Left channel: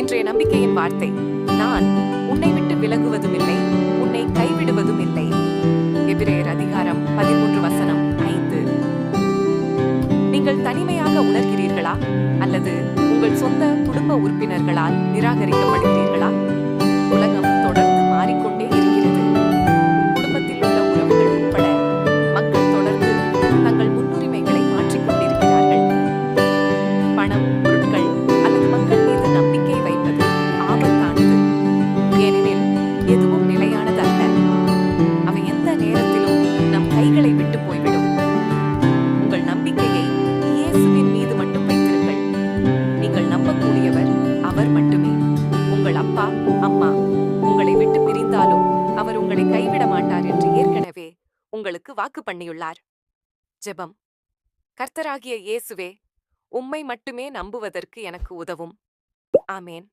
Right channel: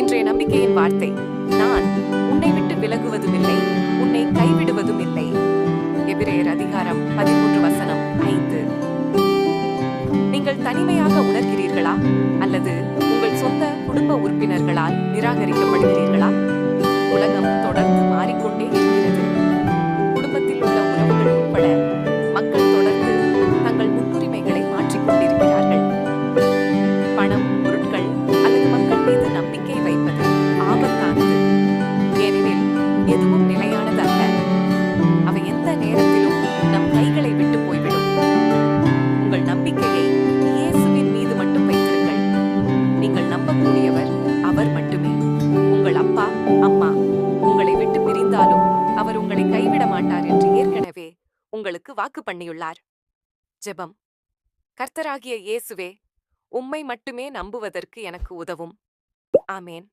இன்றைய நம்பிக்கையின் வார்த்தை: நான் உன்னை விட்டு விலகுவதுமில்லை, உன்னை கைவிடுவதும் இல்லை. எபிரேயர் அதிகாரம் 13 வசனம் 5. நீங்கள் தனிமையாக உணர்கிறீர்களா, அல்லது உங்கள் சொந்த குடும்ப உறுப்பினர்களால் நிராகரிக்கப்படுகிறீர்களா? உலகம் தொடர்ந்து மாறிக்கொண்டே இருக்கிறது. குடும்பத்தில் உள்ள உறவுகள் உட்பட மக்கள் தொடர்ந்து தங்கள் முன்னுரிமைகளை மாற்றிக்கொண்டிருக்கிறார்கள். பணம், பொருட்கள் அல்லது மக்கள் மீது நம்பிக்கை வைப்பது ஆபத்தானது. ஏனெனில் எதுவும் நிலையானது அல்ல. அவை எந்த நேரத்திலும் நம் கைகளை விட்டு போய்விடும். உங்கள் நம்பிக்கையை இயேசுவின் மீது மட்டும் வைத்திருங்கள். நீங்கள் நம்பக்கூடியவர் அவர் மட்டுமே. உங்கள் அப்பா, அம்மா உங்களை விட்டு பிரிந்தாலும் அவர் உங்களை கைவிட மாட்டார் என்று ஏற்கனவே உங்களுக்கு வாக்கு பண்ணியுள்ளார். ஜெபம். கர்த்தராகிய இயேசுவே, உம்மை மட்டுமே நம்புவதற்கு எனக்கு உதவும். ஆமேன்.